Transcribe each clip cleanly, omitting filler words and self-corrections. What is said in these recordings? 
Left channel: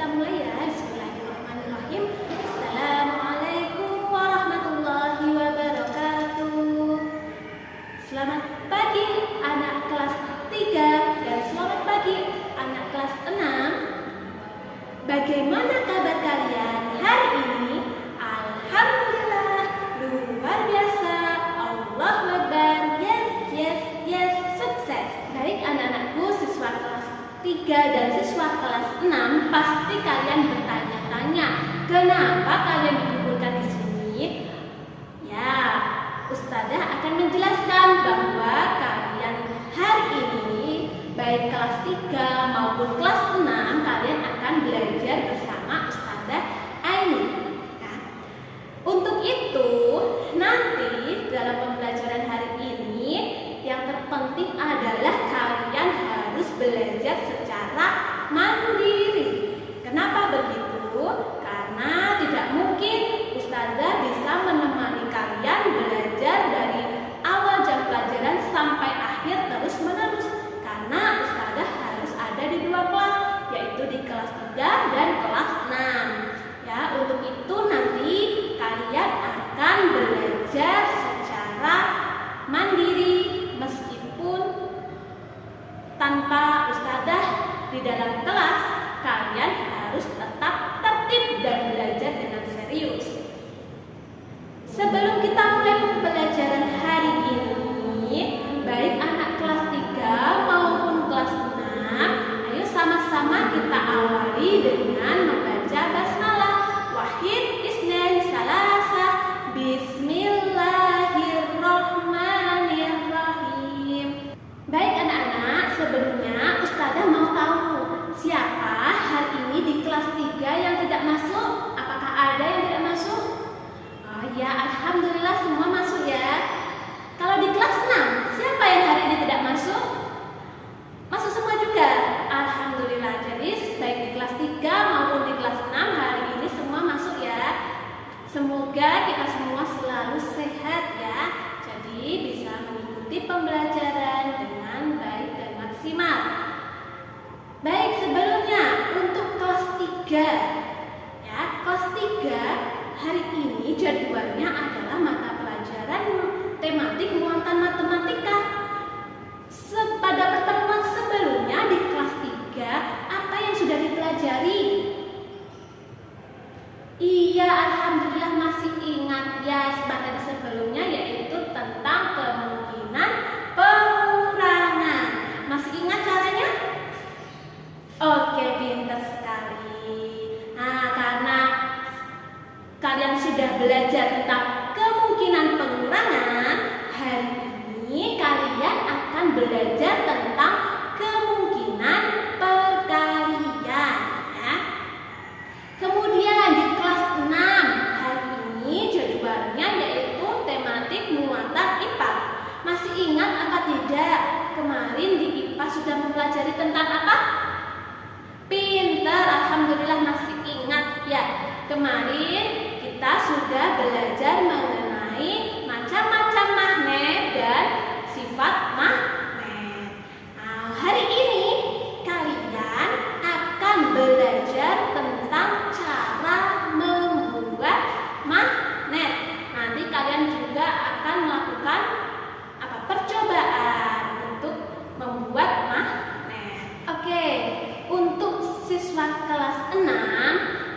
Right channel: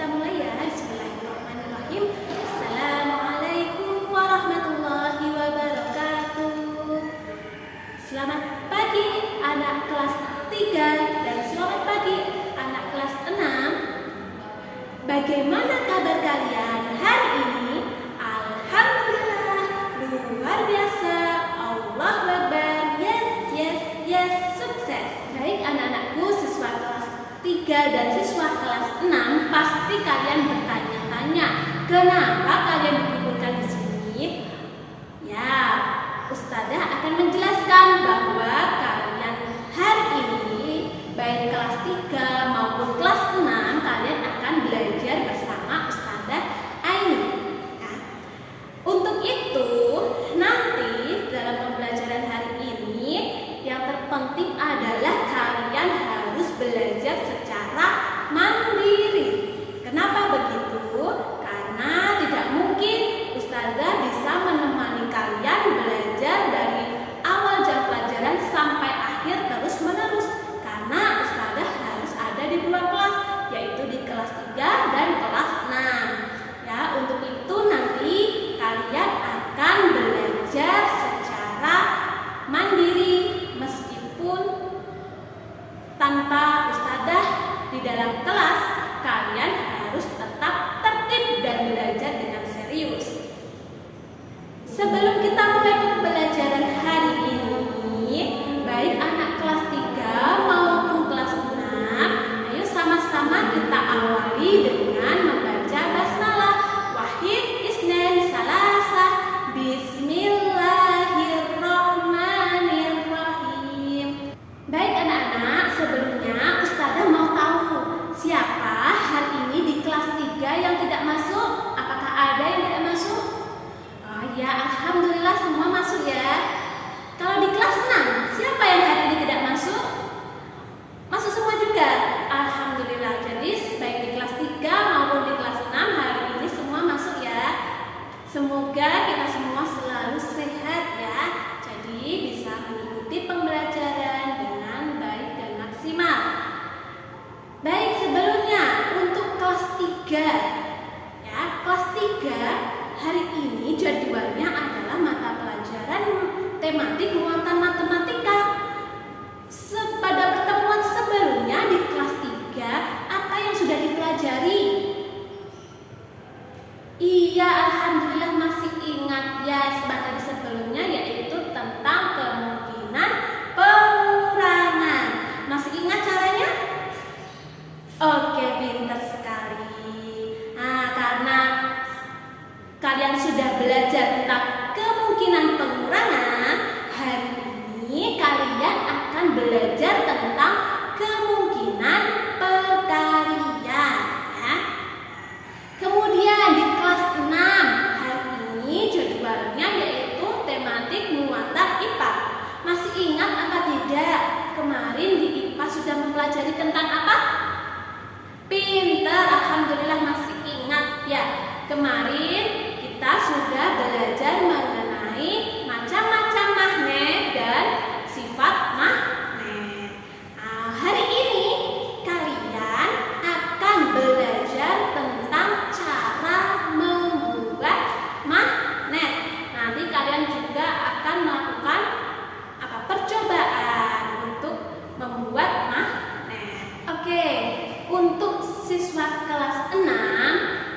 kita mulai ya. Bismillahirrahmanirrahim. Assalamualaikum warahmatullahi wabarakatuh. Selamat pagi anak kelas 3 dan selamat pagi anak kelas 6. Bagaimana kabar kalian hari ini? Alhamdulillah, luar biasa. Allahu Akbar. Yes, sukses. Baik anak-anakku, siswa kelas 3 dan siswa kelas 6, pasti kalian bertanya-tanya, kenapa kalian dikumpulkan di sini? Ya, Ustazah akan menjelaskan bahwa kalian hari ini, baik kelas 3 maupun kelas 6, kalian akan belajar bersama Ustazah Aini. Ya. Untuk itu, nanti dalam pembelajaran hari ini, yang terpenting adalah kalian harus belajar secara mandiri. Kenapa begitu? Karena tidak mungkin Ustazah bisa menemani kalian belajar dari awal jam pelajaran sampai akhir terus-menerus. Karena Ustazah harus ada di 2 kelas, yaitu di kelas 3 dan kelas 6. Ya, untuk itu nanti kalian akan belajar secara mandiri meskipun tanpa Ustazah di dalam kelas. Kalian harus tetap tertib dan belajar dengan serius. Sebelum kita mulai pembelajaran hari ini, baik anak kelas 3 maupun kelas 6, ayo sama-sama kita awali dengan membaca basmalah. Wahid, Isnin, Salasah, Bismillahirrahmanirrahim. Baik anak-anak, sebelumnya Ustazah mau tahu siapa hari ini di kelas 3 yang tidak masuk? Apakah ada yang tidak masuk? Oh ya, alhamdulillah semua masuk ya. Kalau di kelas 6, siapa yang hari ini tidak masuk? Masuk semua juga. Alhamdulillah. Jadi baik di kelas 3 maupun di kelas 6 hari ini semua masuk ya. Semoga kita semua selalu sehat ya. Jadi bisa mengikuti pembelajaran dengan baik dan maksimal. Baik, sebelumnya untuk kelas 3 ya, kelas 3 hari ini jadwalnya adalah mata pelajaran tematik muatan matematika. Pada pertemuan sebelumnya di kelas 3, apa yang sudah dipelajari? Iya, alhamdulillah masih ingat ya materi sebelumnya, yaitu tentang kemungkinan pengurangan. Masih ingat caranya? Oke, pintar sekali. Nah, karena kalian sudah belajar tentang kemungkinan pengurangan, hari ini kalian akan belajar tentang kemungkinan perkalian ya. Kemudian di kelas 6 hari ini jadwalnya yaitu tematik muatan IPA. Masih ingat apa tidak? Kemarin di IPA sudah mempelajari tentang apa? Pintar, alhamdulillah masih ingat ya. Kemarin kita sudah belajar mengenai macam-macam magnet dan sifat magnet. Nah, hari ini kalian akan belajar tentang cara membuat magnet. Nanti kalian juga akan melakukan percobaan untuk membuat magnet. Oke, untuk siswa kelas 6,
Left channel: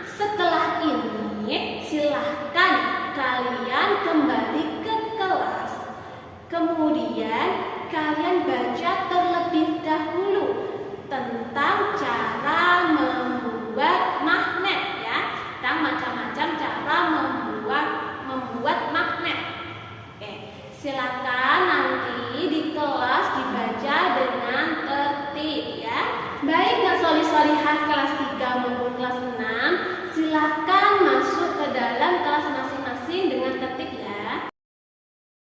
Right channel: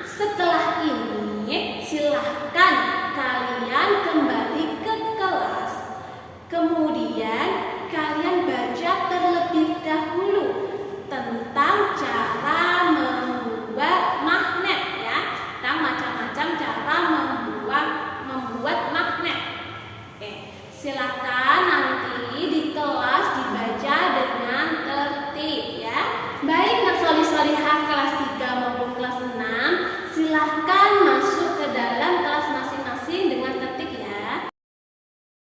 setelah ini silahkan kalian kembali ke kelas. Kemudian kalian baca terlebih dahulu tentang cara membuat magnet ya, tentang macam-macam cara membuat magnet. Oke, silakan nanti di kelas dibaca dengan tertib ya. Baik nak solih-solihah kelas 3 maupun kelas 6, silahkan masuk ke dalam kelas masing-masing dengan tertib ya.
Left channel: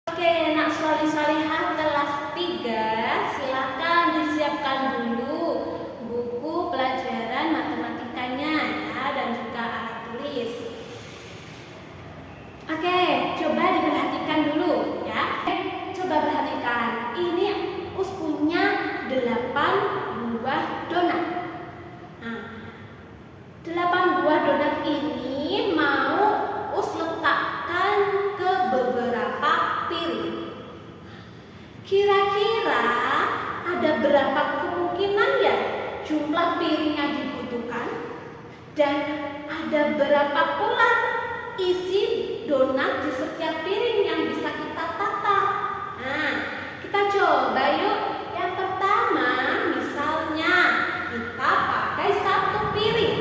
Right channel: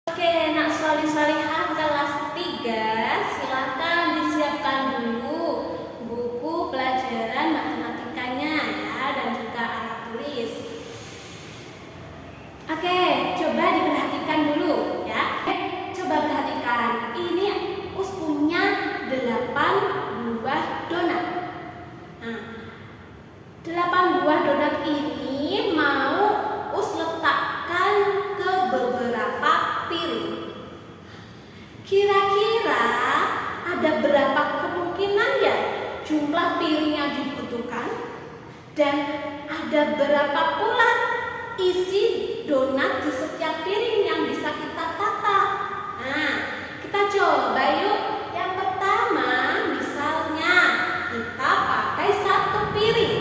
Oke, nak solih-solihah kelas 3, silahkan disiapkan dulu buku pelajaran matematikanya ya, dan juga alat tulis. Oke, coba diperhatikan dulu ya. Coba perhatikan, ini punya 8 buah donat. Nah, Kira-kira ada berapa kemungkinan ya jumlah piring yang dibutuhkan? Dan ada berapa pula isi donat di setiap piring yang bisa kita tata? Nah, kita coba yuk. Yang pertama, misalnya kita pakai satu piring.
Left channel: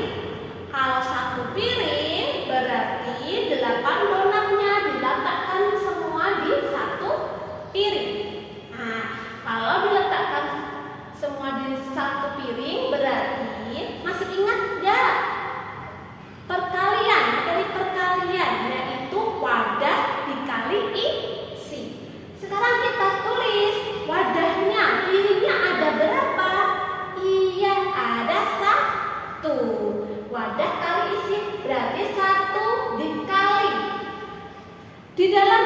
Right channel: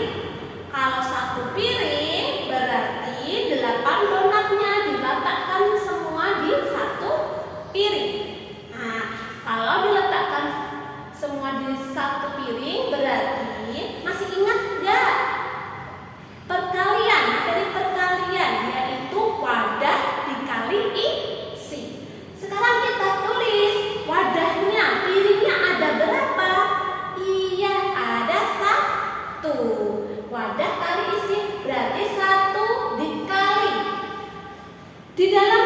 Kalau satu piring berarti 8 donatnya diletakkan semua di satu piring. Nah, kalau diletakkan semua di satu piring berarti masih ingat nggak perkalian, dari perkalian yaitu wadah dikali isi. Sekarang kita tulis wadahnya, piringnya ada berapa? Iya, ada 1. Wadah kali isi berarti 1 dikali. Di dalam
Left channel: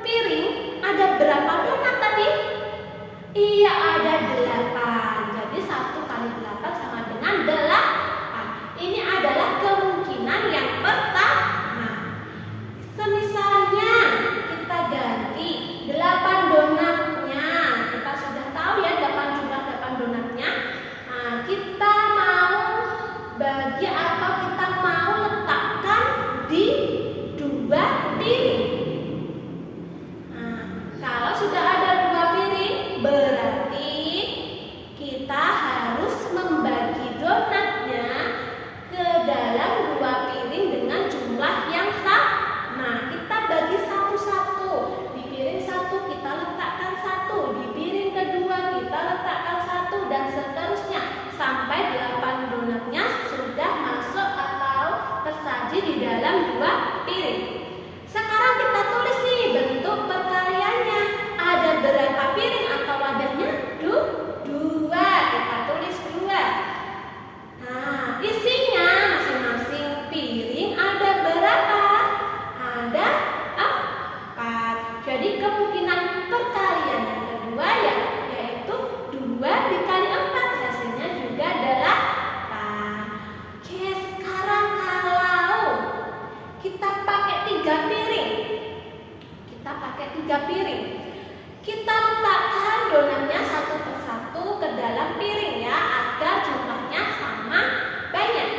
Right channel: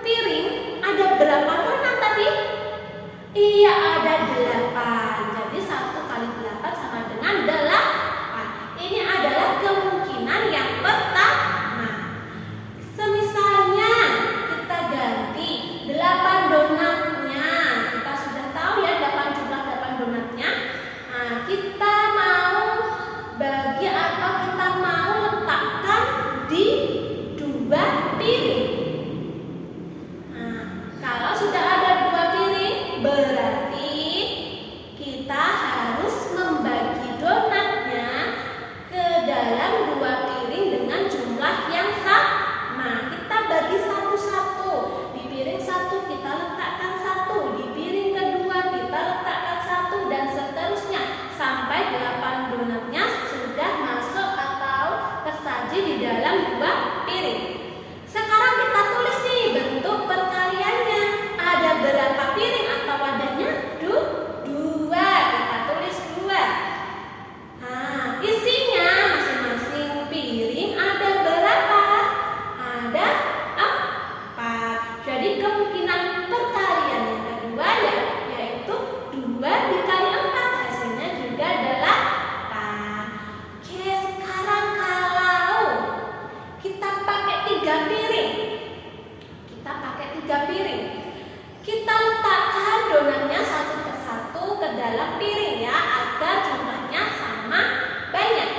piring ada berapa donat tadi? Iya, ada 8. Jadi 1 kali 8 sama dengan 8. Ini adalah kemungkinan yang pertama. Semisalnya kita ganti 8 donatnya. Kita sudah tahu ya jumlah 8 donatnya. Nah, kita mau bagi atau kita mau letakkan di 2 piring. Nah, kalau sudah ada 2 piring berarti kita harus membagi donatnya ke dalam 2 piring dengan jumlah yang sama. Kita bagi satu-satu. Di piring 1 kita letakkan 1, di piring kedua kita letakkan 1 dan seterusnya sampai 8 donatnya sudah masuk atau tersaji di dalam 2 piring. Sekarang kita tulis nih bentuk perkaliannya. Ada berapa piring atau wadahnya? 2. Kita tulis 2. Nah, isinya masing-masing piring ada berapa? Ada 4. Jadi kemungkinan perkalian yang kedua yaitu 2 dikali 4, hasilnya juga 8. Oke, sekarang kalau kita pakai 3 piring, kita letakkan donatnya satu persatu ke dalam piring ya, agar jumlahnya sama banyak.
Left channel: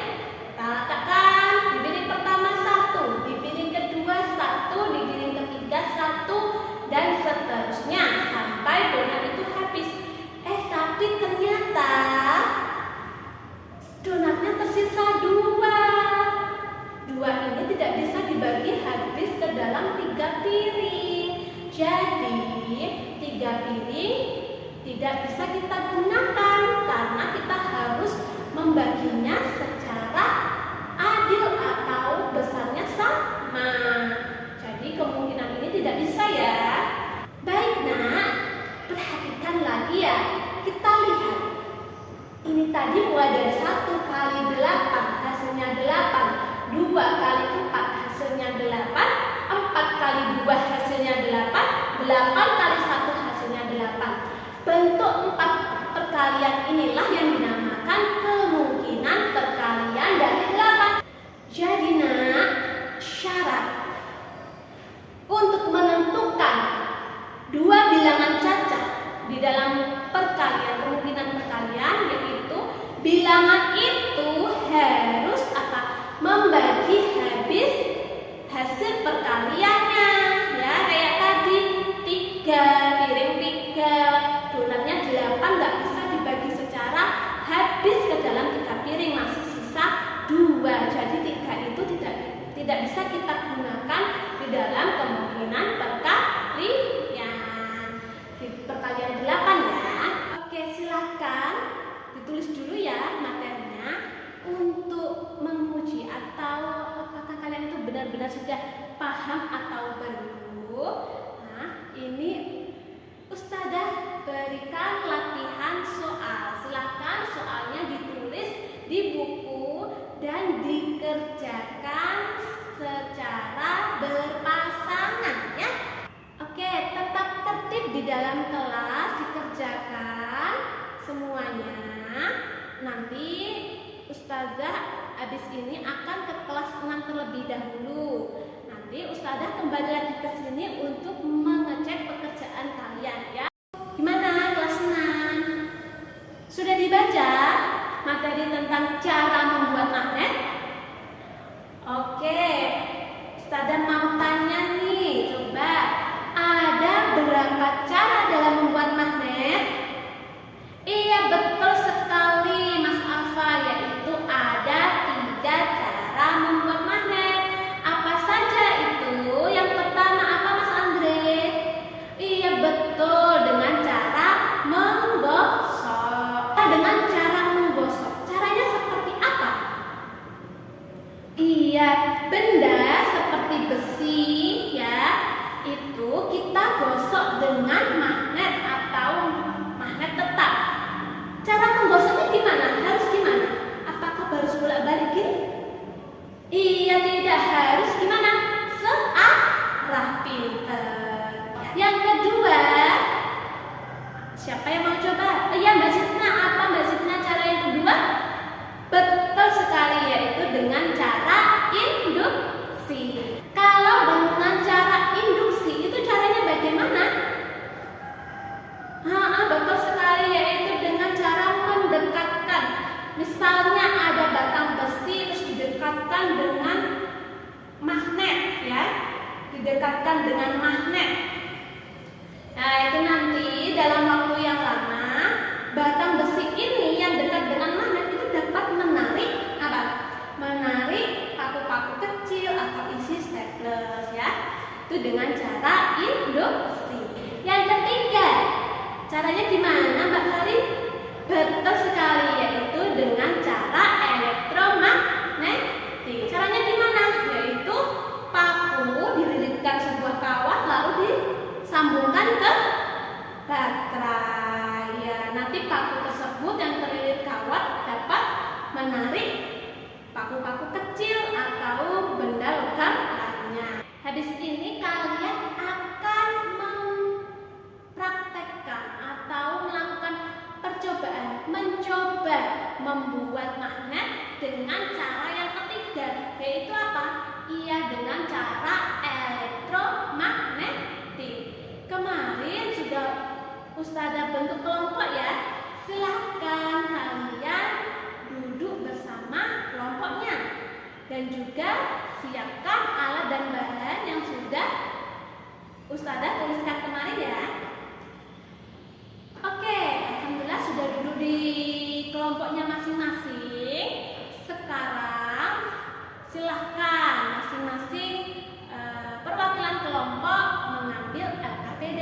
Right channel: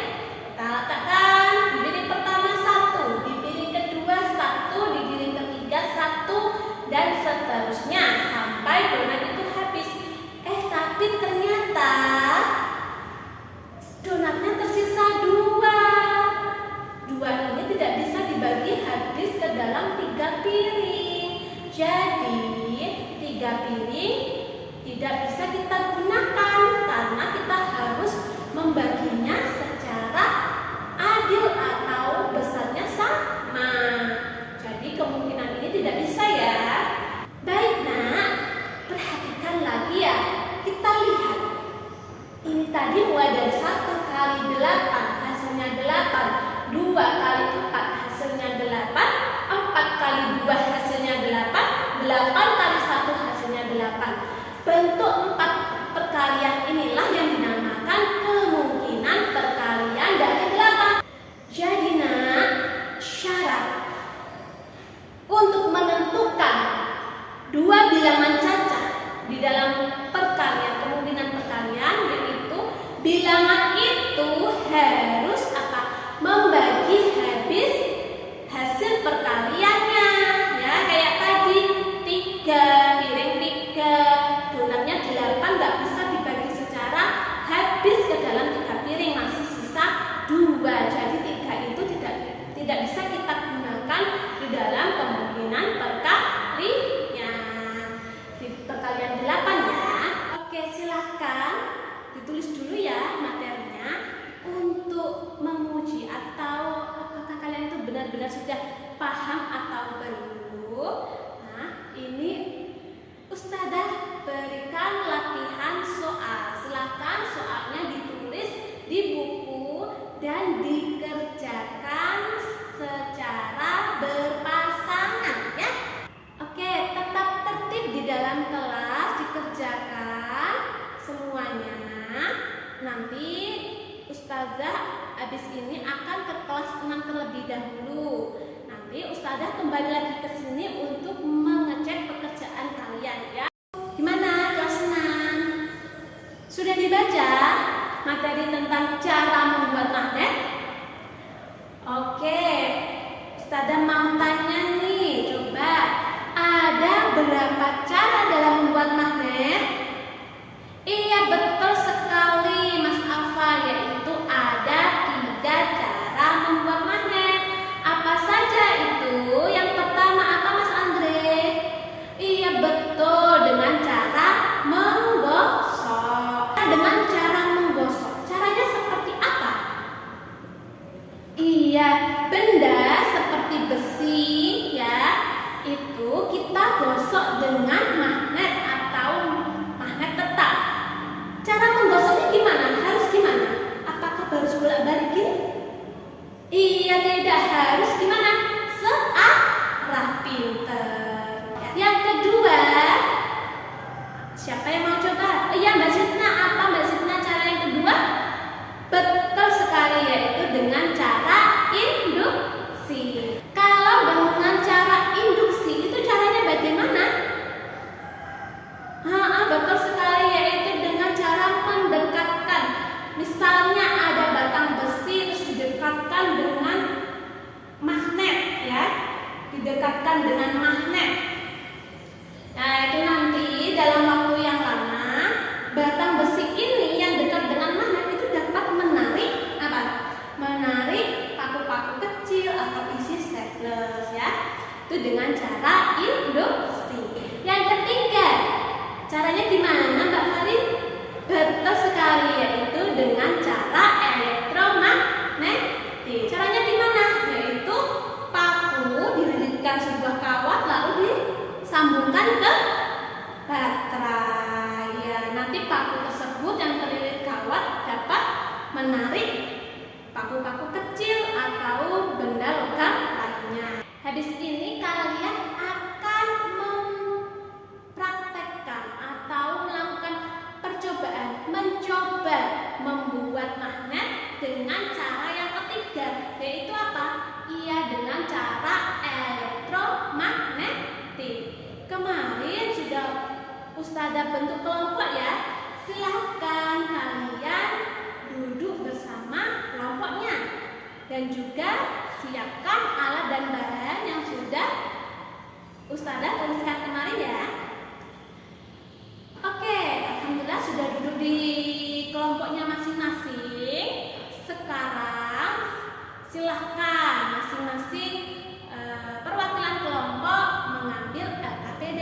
Kita letakkan di piring pertama 1, di piring kedua 1, di piring ketiga 1, dan seterusnya sampai donat itu habis. Tapi ternyata donatnya tersisa 2. 2 ini tidak bisa dibagi habis ke dalam 3 piring. Jadi 3 piring tidak bisa kita gunakan karena kita harus membaginya secara adil atau besarnya sama. Jadi kemungkinan ini tidak bisa ya. Baik nak, perhatikan lagi ya. Kita lihat. Ini tadi mulai dari 1 kali 8 hasilnya 8, 2 kali 4 hasilnya 8, 4 kali 2 hasilnya 8, 8 kali 1 hasilnya 8. Bentuk 4 perkalian inilah yang dinamakan kemungkinan perkalian dari 8. Jadi nak, syarat untuk menentukan 2 bilangan cacat di dalam perkalian, kemungkinan perkalian, yaitu bilangan itu harus membagi habis hasil perkaliannya ya, kayak tadi 3 piring 3 donatnya 8 nggak bisa dibagi secara habis ke dalam 3 piring, masih sisa 2. Jadi 3 itu tidak bisa kita gunakan di dalam kemungkinan perkalian. Di perkalian 8 ya. Oke, silahkan ditulis dulu ya materinya untuk menguji atau apakah kalian itu benar-benar sudah paham atau belum. Nah, ini Ustazah berikan latihan soal. Silahkan soalnya ditulis di buku dan dikerjakan secara berpasangan ya. Oke, tetap tertib di dalam kelas, dikerjakan semuanya. Nanti Ustazah habis ini akan ke kelas 6 terlebih dahulu. Nanti Ustazah kembali lagi ke sini untuk mengecek pekerjaan kalian ya. materi tentang cara membuat magnet? Oke, Ustazah mau tanya nih, coba ada berapa cara dalam membuat magnet? Iya, betul sekali Mas Alfa, yaitu ada 3 cara membuat magnet. Apa saja itu? Yang pertama apa Mas Andre? Iya, betul, dengan cara menggosok. Dengan cara menggosok, caranya seperti apa? Iya, benda seperti besi ya, itu kita gosok dengan magnet atau magnet tetap. Cara menggosoknya gimana? Harus gimana? Apakah harus bolak-balik gini? Iya, tidak harus. Gimana? Searah, pinter. Yang kedua, siapa yang mau coba? Iya, Mbak Sitna. Apa Mbak Sitna cara yang kedua? Betul sekali, yaitu dengan cara induksi. Kalau dengan cara induksi, itu caranya bagaimana? Betul sekali, yaitu dengan cara mendekatkan. Misalnya ada batang besi terus didekatkan dengan magnet ya, didekatkan dengan magnet. Nah, itu nanti dalam waktu yang lama batang besi ini yang dekat dengan magnet itu dapat menarik apa? Menarik paku-paku kecil atau isi staples ya. Itu dengan cara induksi. Yang ketiga, caranya gimana Mbak Sari? Betul sekali, yaitu dengan cara elektromagnetik. Caranya gimana? Yaitu paku dililitkan sebuah kawat lalu disambungkan ke baterai. Ya, nanti paku tersebut yang terlilit kawat dapat menarik paku-paku kecil atau benda logam lainnya. Habis ini kalian akan mempraktekkan atau melakukan percobaan, mencoba membuat magnet dengan cara yang ketiga, yaitu apa? Iya, dengan cara elektromagnetik. Kemarin sudah Ustazah bentuk kelompok ya. Silahkan kalian duduk bersama kelompoknya dan juga siapkan alat dan bahan yang sudah Ustazah tuliskan kemarin ya. Oke, alhamdulillah sudah duduk di kelompoknya masing-masing. Sekarang silahkan masing-masing perwakilan kelompok mengambil LKPD.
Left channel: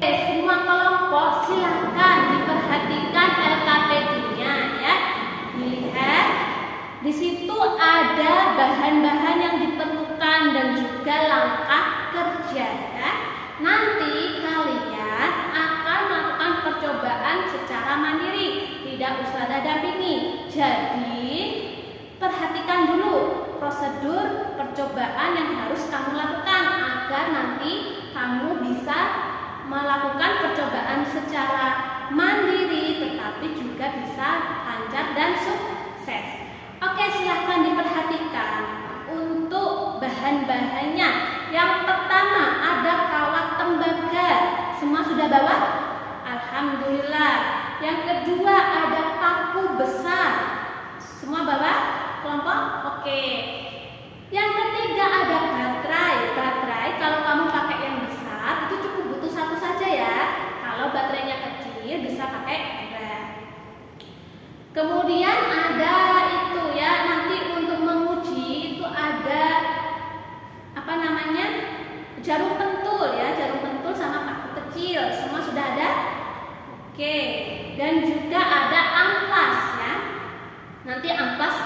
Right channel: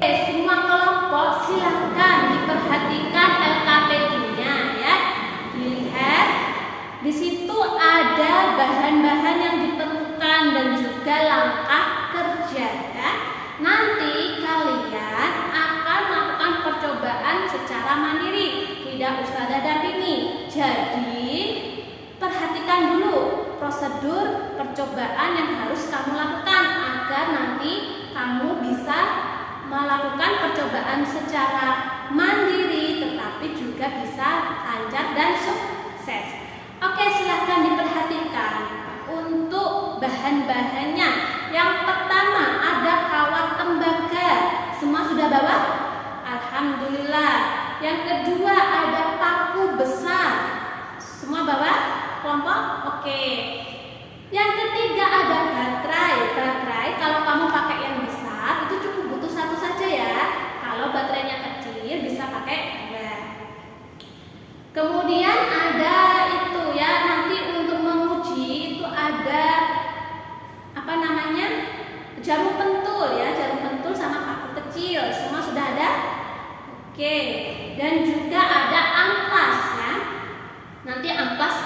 Semua kelompok silahkan diperhatikan LKPD-nya ya. Dilihat di situ ada bahan-bahan yang diperlukan dan juga langkah kerja ya. Nanti kalian akan melakukan percobaan secara mandiri, tidak Ustazah dampingi. Jadi perhatikan dulu prosedur percobaan yang harus kamu lakukan agar nanti kamu bisa melakukan percobaan secara mandiri tetapi juga bisa lancar dan sukses. Oke, silahkan diperhatikan untuk bahan-bahannya. Yang pertama ada kawat tembaga. Semua sudah bawa? Alhamdulillah. Yang kedua ada paku besar. Semua bawa? Kelompok? Oke. Yang ketiga ada baterai. Baterai kalau kamu pakai yang besar itu cukup butuh satu saja ya. Kalau baterainya kecil bisa pakai 2. Kemudian ada itu ya, nanti untuk menguji itu ada apa namanya, jarum pentul ya, jarum pentul sama paku kecil. Semua sudah ada? Oke. Dan juga ada amplas ya. Nanti amplas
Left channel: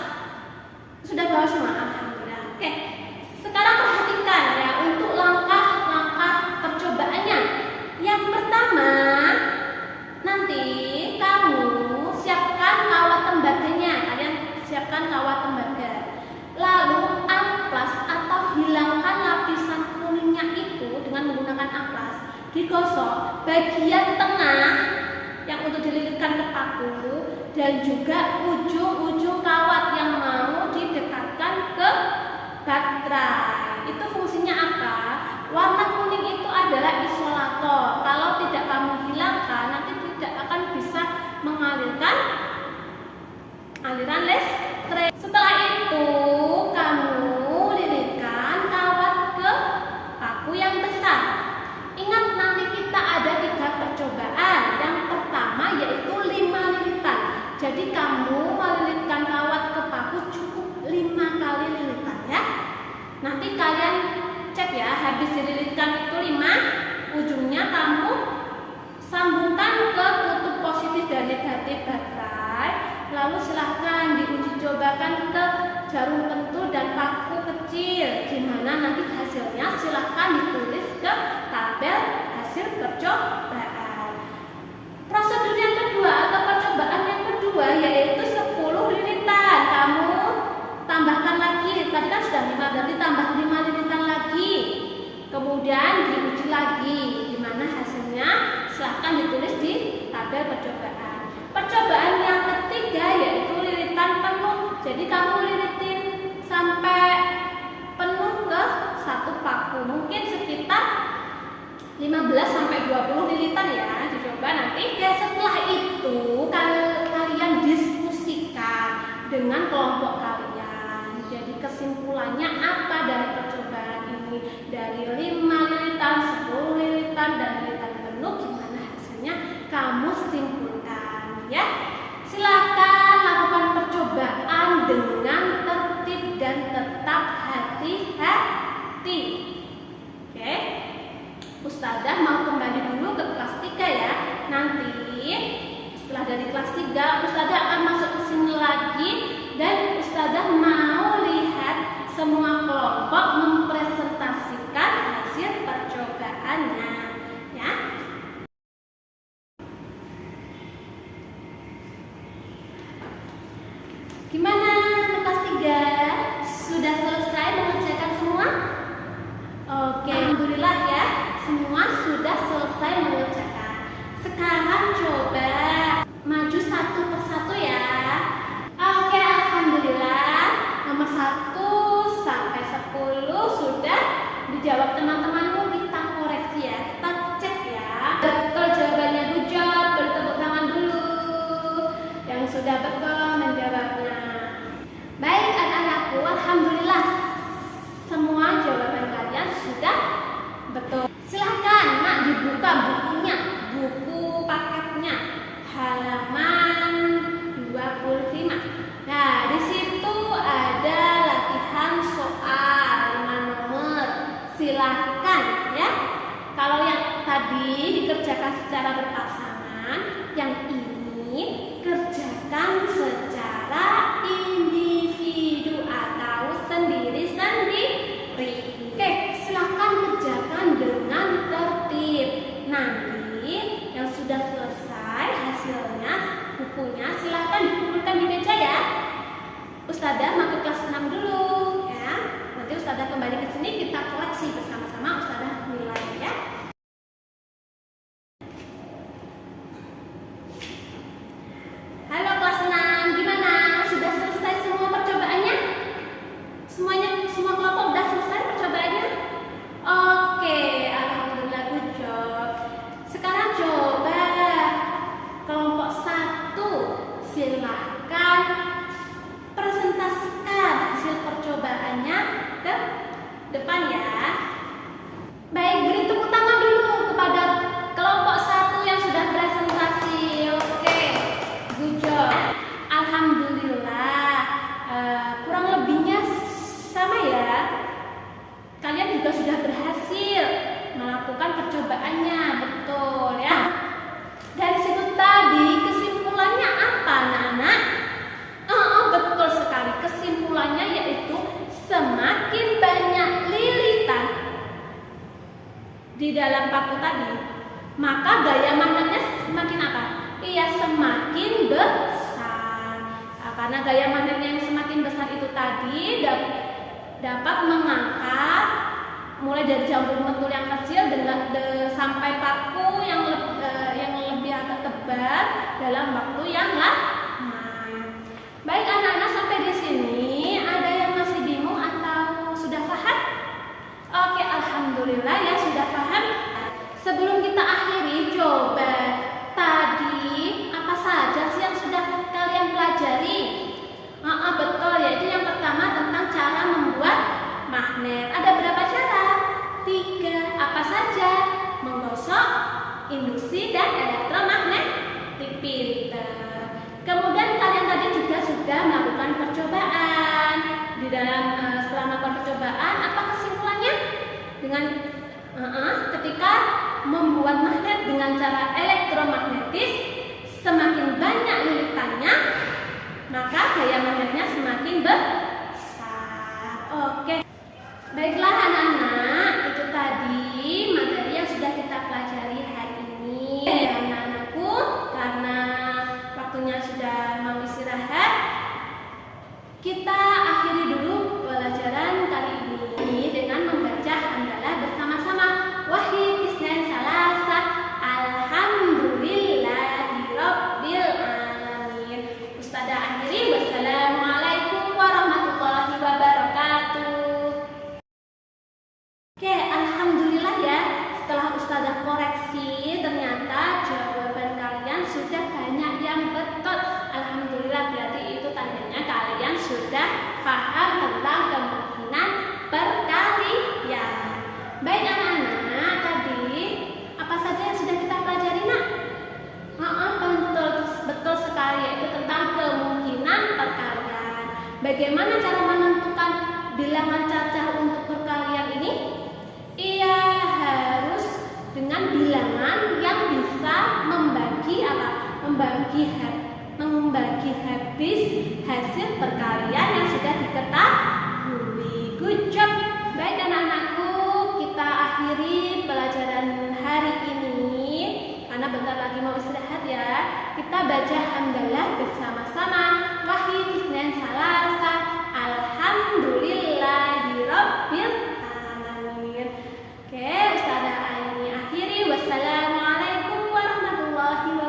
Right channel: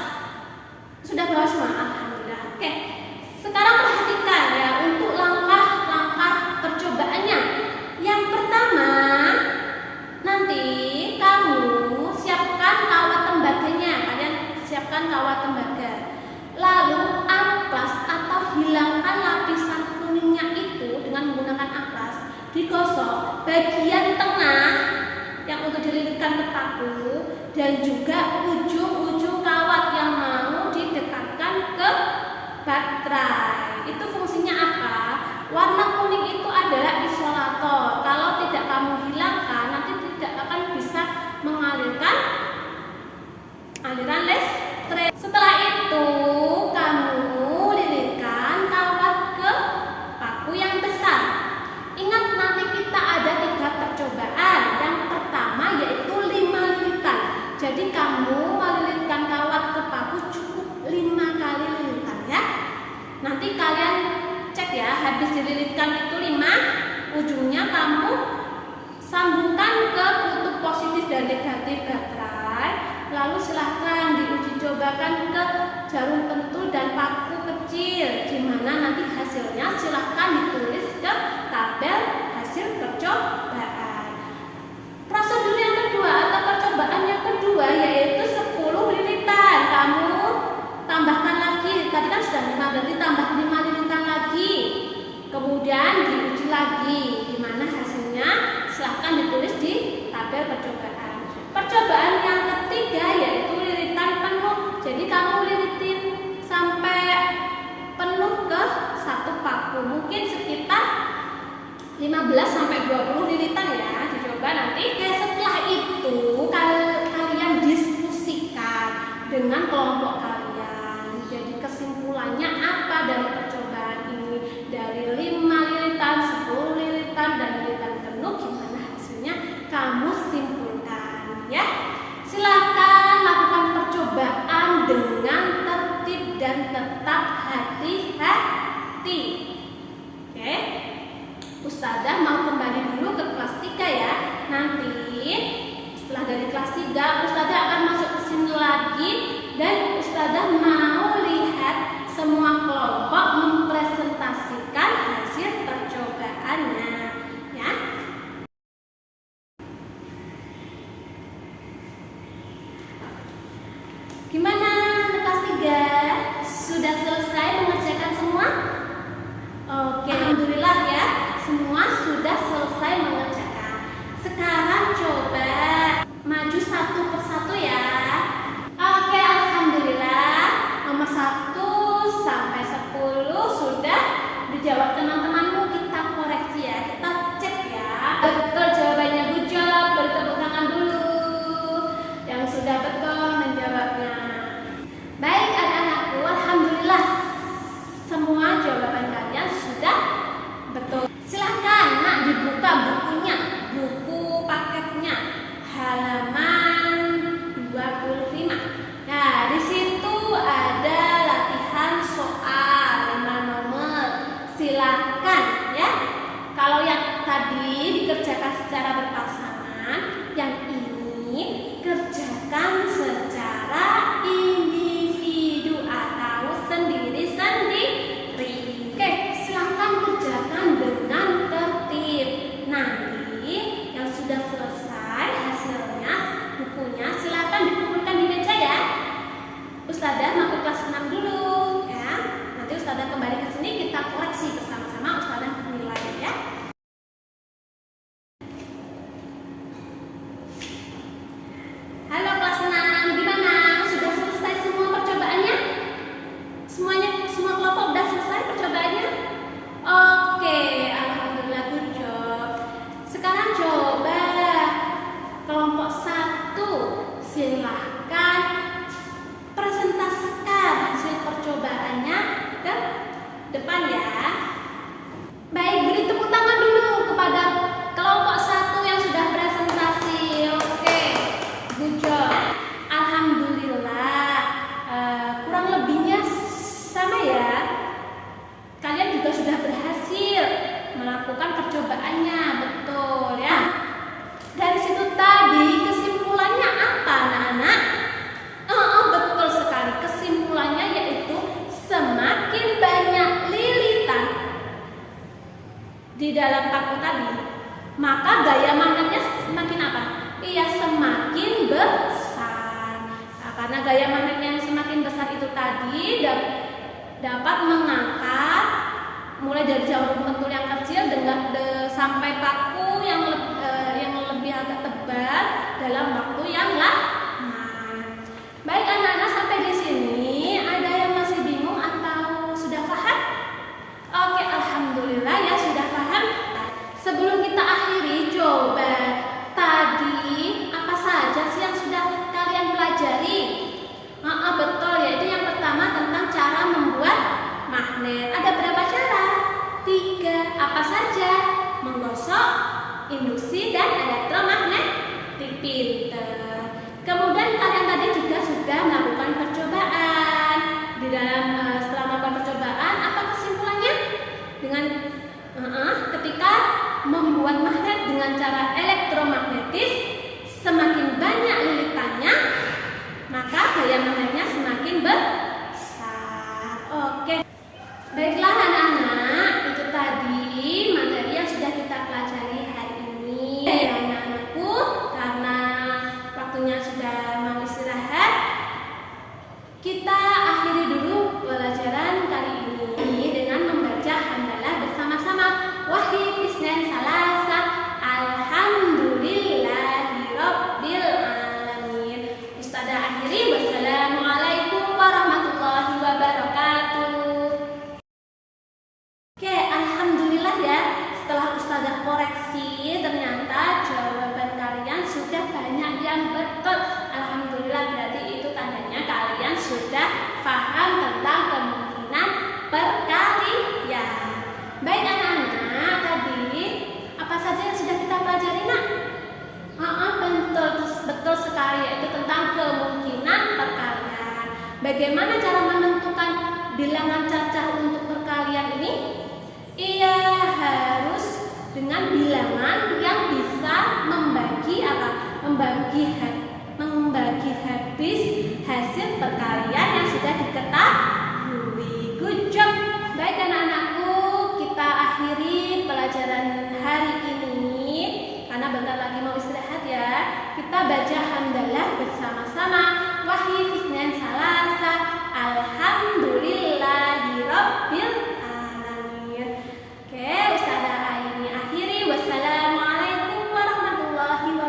sudah bawa semua? Alhamdulillah. Oke. Sekarang perhatikan ya untuk langkah-langkah percobaannya. Yang pertama, nanti kamu siapkan kawat tembaganya. Kalian siapkan kawat tembaga. Lalu amplas atau hilangkan lapisan kuningnya itu dengan menggunakan amplas. Digosok bagian tengah yang untuk dililitkan ke paku dan juga ujung-ujung kawat yang mau didekatkan ke baterai. Itu fungsinya apa? Warna kuning itu adalah isolator. Kalau tidak kamu hilangkan, nanti tidak akan bisa mengalirkan aliran listrik. Setelah itu kamu lilitkan kawat ke paku yang besar. Ingat, nanti kita ada 3 percobaan. Yang pertama yaitu 5 lilitan. Jadi kamu melilitkan kawat ke paku cukup 5 kali lilitan ya. Nanti kalian cek ya, habis dililitkan itu 5, ujungnya kamu sambungkan ke kutub positif dan negatif baterai. Lalu silahkan diuji cobakan ke jarum pentul dan paku kecil. Gimana nanti hasilnya silahkan ditulis ke tabel hasil percobaan. Prosedur yang kedua atau percobaan yang kedua yaitu 10 lilitan. Kamu tambahkan lagi, tadi kan sudah 5, berarti tambah 5 lilitan lagi. Kemudian diuji lagi. Gimana hasilnya? Silahkan ditulis di tabel percobaan. Percobaan yang ketiga yaitu lilitan penuh. Jadi kamu lilitin sampai penuh ke satu paku. Mungkin sekitar 15 sampai 20 lilitan ya. Dicoba nanti. Oke, setelah itu kalian diskusikan dengan kelompok kalian. Jadi kesimpulannya apa dari percobaan ini? Dari 5 lilitan, 10 lilitan, dan lilitan penuh, gimana hasilnya? Kamu simpulkan ya. Silakan lakukan percobaan dengan tertib dan tetap hati-hati. Oke. Ustazah mau kembali dulu ke kelas 3 ya. Nanti setelah dari kelas 3 Ustazah akan masuk ke sini lagi dan Ustazah mau lihat semua kelompok mempresentasikan hasil percobaannya ya. Gimana kelas 3? Sudah selesai mengerjakan semua? Oke, alhamdulillah ya. Semua sudah selesai mengerjakan. Sekarang coba maju satu persatu ya. Oke, alhamdulillah. Nomor 1 sampai 10 sudah dijawab teman-temanmu. Kita koreksi ya. Kita cek ya. Betul jawabannya, good job. Beri tepuk tangan dulu. Yang sudah betul menjawabnya. Baik anak-anakku, alhamdulillah. Semua jawaban kalian sudah betul. Silahkan nak dibuka bukunya, buku paketnya, halaman 25. Nah, di situ ada latihan soal 5 nomor. Silahkan ya. Kalau yang tadi dikerjakan secara berpasangan, yang ini kerjakan secara individu atau sendiri-sendiri. Oke, silahkan kerjakan dengan tertib. Nanti yang sudah selesai hasilnya, bukunya silahkan dikumpulkan di meja ya. Ustazah mau ke kelas 6 dulu ya. Nanti Ustazah kembali ke sini, kita koleksi bersama-sama. Ustazah mulai ya. Halo kelas 6, gimana? Sudah selesai semua percobaannya? Semua kelompok sudah selesai percobaannya? Oke, alhamdulillah, good job. Sekarang coba kelompok 1, silahkan presentasikan hasil percobaannya ke depan ya. Baik, beri tepuk tangan dulu kepada kelompok 1 yang sudah presentasi. Oke, good job. Alhamdulillah. Kurang lebihnya sama ya. Kalian juga sudah berhasil melakukan percobaannya, betul ya. Dari situ tadi kesimpulannya apa anak-anak? Betul sekali. Kesimpulannya yaitu semakin banyak lilitan di dalam paku tadi, maka gaya magnetnya semakin apa? Iya, semakin besar. Karena gaya magnetnya yang semakin besar itu tadi dapat mengangkat mulai dari jarum pentul yang kecil sampai paku yang lebih agak tebal dalam waktu yang lama. Baik anak-anak, sampai di sini ada yang masih bingung atau sudah paham? Oke, alhamdulillah ya sudah paham. Sebelum kita akhiri, coba tadi apa saja sih yang sudah kalian pelajari? besi dan elektromagnetik. Pinter. Kemudian kalian tadi juga sudah melakukan percobaan. Di dalam setelah melakukan percobaan, apa kesimpulannya? Dengan ketika membuat magnet dengan cara elektromagnetis, semakin banyak lilitannya, maka gaya magnetnya semakin besar. Oke. Baiklah anak-anak, itu tadi materi yang sudah kita pelajari hari ini. Ya anak-anakku, karena waktunya sudah mau istirahat, kita akhiri dulu pelajaran kali ini dengan membaca hamdalah bersama-sama. Wahid isnan salasa, alhamdulillahirabbil alamin. Ustazah akhiri, wassalamualaikum warahmatullahi wabarakatuh. Oke, alhamdulillah ya. Setelah Ustazah koreksi, ternyata jawaban kalian sudah banyak yang betul. Alhamdulillah, berarti itu tandanya kalian sudah paham tentang kemungkinan perkalian. Baik anak-anak, tadi apa saja yang sudah kita pelajari nak? Betul sekali, yaitu tentang kemungkinan perkalian. Bagaimana cara menentukan bilangan cacah untuk perkalian ini? Ia harus dengan bilangan yang bisa membagi habis hasil perkalian yang sudah diketahui. Good job. Baik anak-anakku, kita akhiri pelajaran hari ini karena bentar lagi mau istirahat ya. Kita baca hamdalah bersama-sama. Wahid isnan salasa, alhamdulillah